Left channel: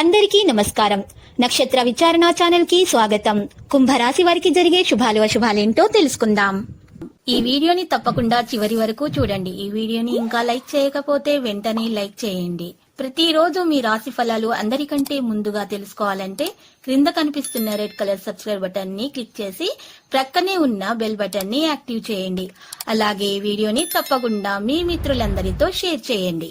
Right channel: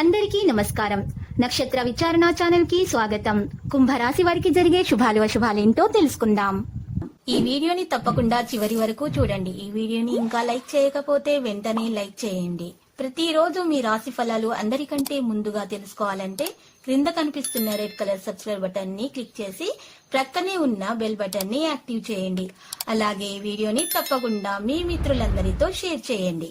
అందరికీ నమస్కారం. నక్షత్ర విచారణ ఛానల్ కి స్వాగతం. కుంభరాశి వారికి జరిగే శుభాలు అశుభాలేంటో తెలుసుకుందాం. ఈ వీడియోని తప్పకుండా చివరి వరకు చూడండి. ఈ వీడియోని ఇంకా లైక్ చేయకపోతే వెంటనే లైక్ చేయండి. ప్రతిరోజు మీ రాశి ఫలాలు అందరికంటే ముందుగా తెలుసుకోవాలంటే క్రింద కనిపిస్తున్న రెడ్ కలర్ సబ్స్క్రైబ్ బటన్ ని క్లిక్ చేసి ప్రక్కనే ఉన్న బెల్ బటన్ ని యాక్టివ్ చేయండి. అలాగే ఈ వీడియోని తప్పకుండా మీ మిత్రులందరితో షేర్ చేయండి.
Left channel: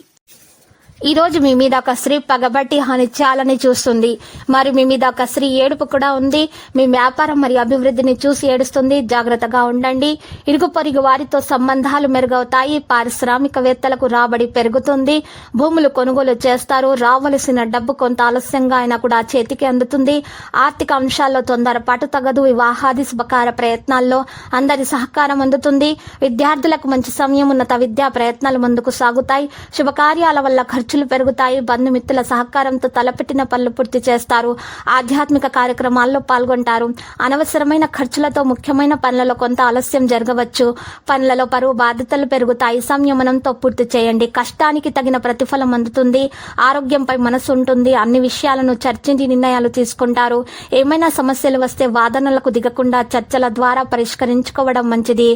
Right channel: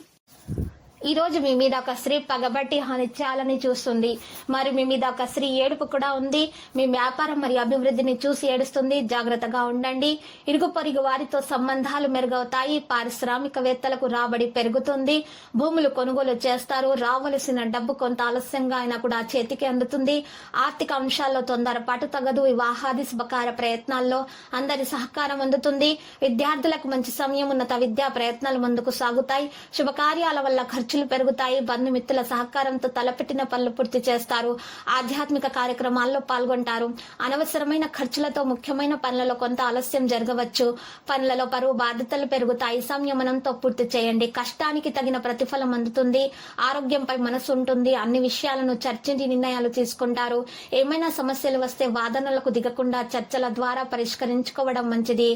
ఈ రోజు మీ మీద ఒక స్త్రీ పగబట్టి హానిచ్చాలని చూస్తుంది. మరి మీ మీద ఒక స్త్రీ ఏడుపు కూడా ఉంది. మీ వ్యాపారం మరియు అభివృద్ధిని చూసి ఏడుస్తుంది. జాగ్రత్తగా ఉండండి. ఇరుగు పొరుగు వారితో సంబంధాలు మెరుగవుతాయి. పారిశ్రామికవేత్తలకు రాబడి పెరుగుతుంది. భూములు కొనుగోలు చేస్తారు. రావలసిన డబ్బు కొంత ఆలస్యంగా అయినా కూడా చేతికి అందుతుంది. ఆర్థిక అంశాల్లో తొందరపాటు తగదు. వివాహాది శుభకార ప్రయత్నాల్లో అందరి సహకారం అందుతుంది. విద్యార్థులకు మంచి సమయం. ఉన్నత విద్యా ప్రయత్నాలు ముందుకు సాగుతాయి. శుభకార్యాల వల్ల ఖర్చులు పెరుగుతాయి. బంధుమిత్రుల సహకారంతో తలపెట్టిన పనులు పూర్తి చేస్తారు. ఆధ్యాత్మిక కార్యక్రమాల్లో పాల్గొంటారు. అనవసరమైన ఖర్చులతో ముఖ్యమైన పనులలో కొంత ఆలస్యం జరగవచ్చు. పనులలో పరువు బాధ్యతలు పెరుగుతాయి. సంయమనంతో పూర్తి చేయండి. కష్టానికి తగిన ప్రతిఫలం అందుతుంది. ఆరోగ్యంపై మనసు ఉంటుంది. అన్ని విషయాలను చర్చించి నిర్ణయాలు తీసుకుంటారు. ఏమైనా సమస్యలు వస్తే వాదనలకు దిగకుండా చర్చల ద్వారా పరిష్కరించుకోవడం మంచిది.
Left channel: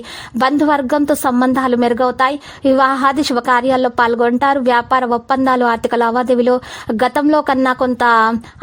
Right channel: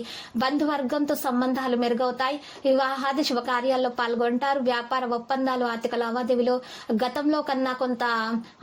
బంధువర్గంతో సంబంధాలు మెరుగవుతాయి. వివాహాది శుభకార్యాల్లో పాల్గొంటారు. వ్యాపార ఒప్పందాలు, ఆర్థిక లావాదేవీలు గతంలో కన్నా కొంత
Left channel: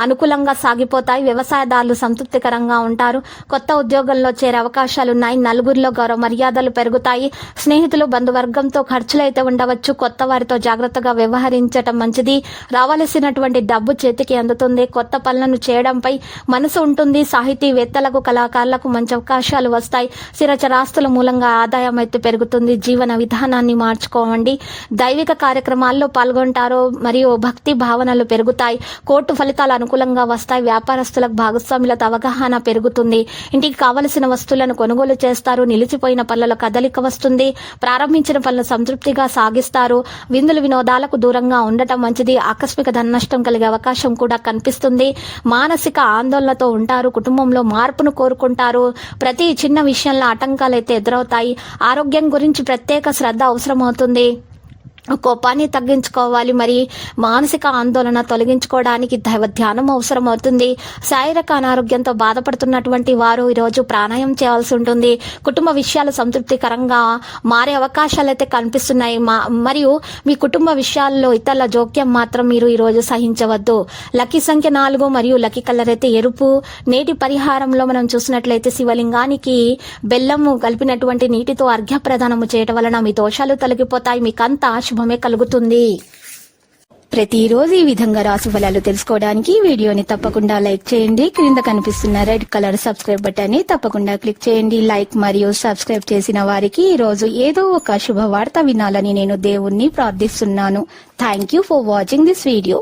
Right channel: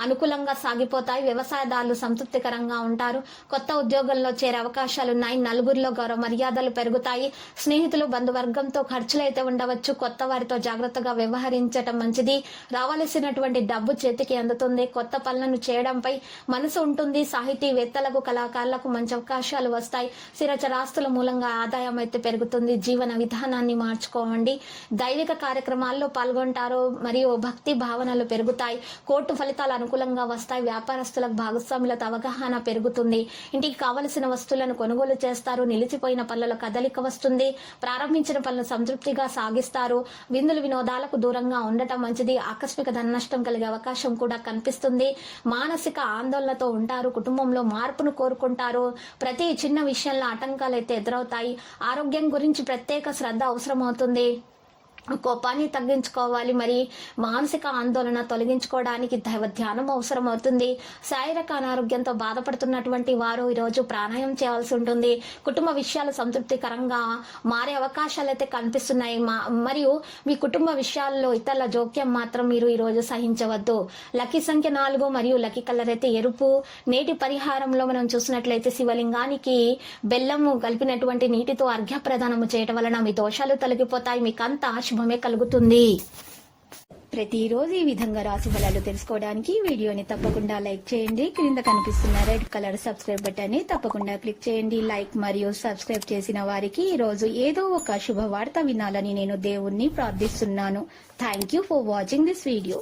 అనుకూలంగా సాగిపోతాయి. వ్యవసాయదారులు సంతృప్తికరంగా ఉంటారు. కొత్త ఉద్యోగంలో చేరే అవకాశాలున్నాయి. నలుగురిలో గౌరవ మర్యాదలు పెరుగుతాయి. స్నేహితులు, బంధువర్గంతో ఖర్చులైతే ఉండవచ్చు. కొత్త వారితో జాగ్రత్తగా వ్యవహరించడం మంచిది. రావాల్సినటువంటి డబ్బు చేతికి అందుతుంది. కొత్త పనులను చేయడంపై మనసు ఉంటుంది. సాహితీవేత్తలకు, కళాకారులకు మంచి అవకాశాలు వస్తాయి. స్థిరచరాస్తుల మూలంగా ఆదాయం అయితే పెరుగుతుంది. జీవన విధానాన్ని మార్చుకోవండి. దైవిక కార్యక్రమాల్లో పాల్గొంటారు మరియు భక్తి భావనలు పెరుగుతాయి. కోర్టు ఫలితాలు అనుకూలంగా వస్తాయి. వ్యాపారస్తులకు భాగస్వాములతో అవగాహన పెరుగుతుంది. ఇంటికి కావలసిన వస్తువులను కొనుగోలు చేస్తారు. నిలిచిపోయిన పనులలో కదలిక వస్తుంది. ప్రారంభించిన పనులు సంతృప్తిగా సాగిస్తారు. విందులు వినోదాలకు దూరంగా ఉండటం మంచిది. ఆకస్మిక ధన నష్టం కలిగే అవకాశం కూడా కనిపిస్తుంది. మానసిక ఆందోళనతో ఉంటారు. కుటుంబంలో మార్పును కోరుకుంటారు. ప్రతి చిన్న విషయంలో ఆటంకాలు అయితే ఎదురవుతాయి. ఆరోగ్యం గురించి ప్రత్యేక శ్రద్ధ అవసరమవుతుంది. కోపాన్ని తగ్గించుకోవాలి. మరి మానసిక ఆందోళన తొలగించుకోవడానికి దైవ ధ్యానం అవసరం అవుతుంది. శారీరక అనారోగ్యంతో బాధపడుతున్నటువంటి వారు ఈరోజు ప్రాణాయామం చేయాల్సి ఉంటుంది. కుటుంబ విషయాలు సంతృప్తికరంగా మారే అవకాశాలు అయితే కనిపిస్తున్నాయి. మరియు మీ కుటుంబ విషయాల్లో ఇతరుల జోక్యం మాత్రం మీరు ఈరోజు సహించవద్దు. లక్కీ సంఖ్య 4 మరియు లక్కీ కలర్ అయితే ఎరుపు. నేటి పరిహారంలో మనం చూసినట్లయితే శివలింగానికి బెల్లము కలిపినటువంటి నీటితో అర్ఘ్య ప్రదానము చేయటం వలన మీ దోషాలు తొలగిపోతాయి. మీకంతా శుభమే కలుగుతుంది. ప్రతిరోజు ఈ విధంగా రాశి ఫలాలు తెలుసుకోవడానికి వీడియోని తప్పకుండా లైక్ చేయండి. క్రింద కనిపిస్తున్న రెడ్ కలర్ సబ్స్క్రైబ్ బటన్ ని తప్పకుండా క్లిక్ చేయండి. లైక్ మరియు సబ్స్క్రైబ్ చేసిన వారికి ఈ రోజు ఏదో ఒక శుభవార్త వినాలని నేను దేవుణ్ణి ప్రార్థిస్తున్నాను. Thank you for watching this video.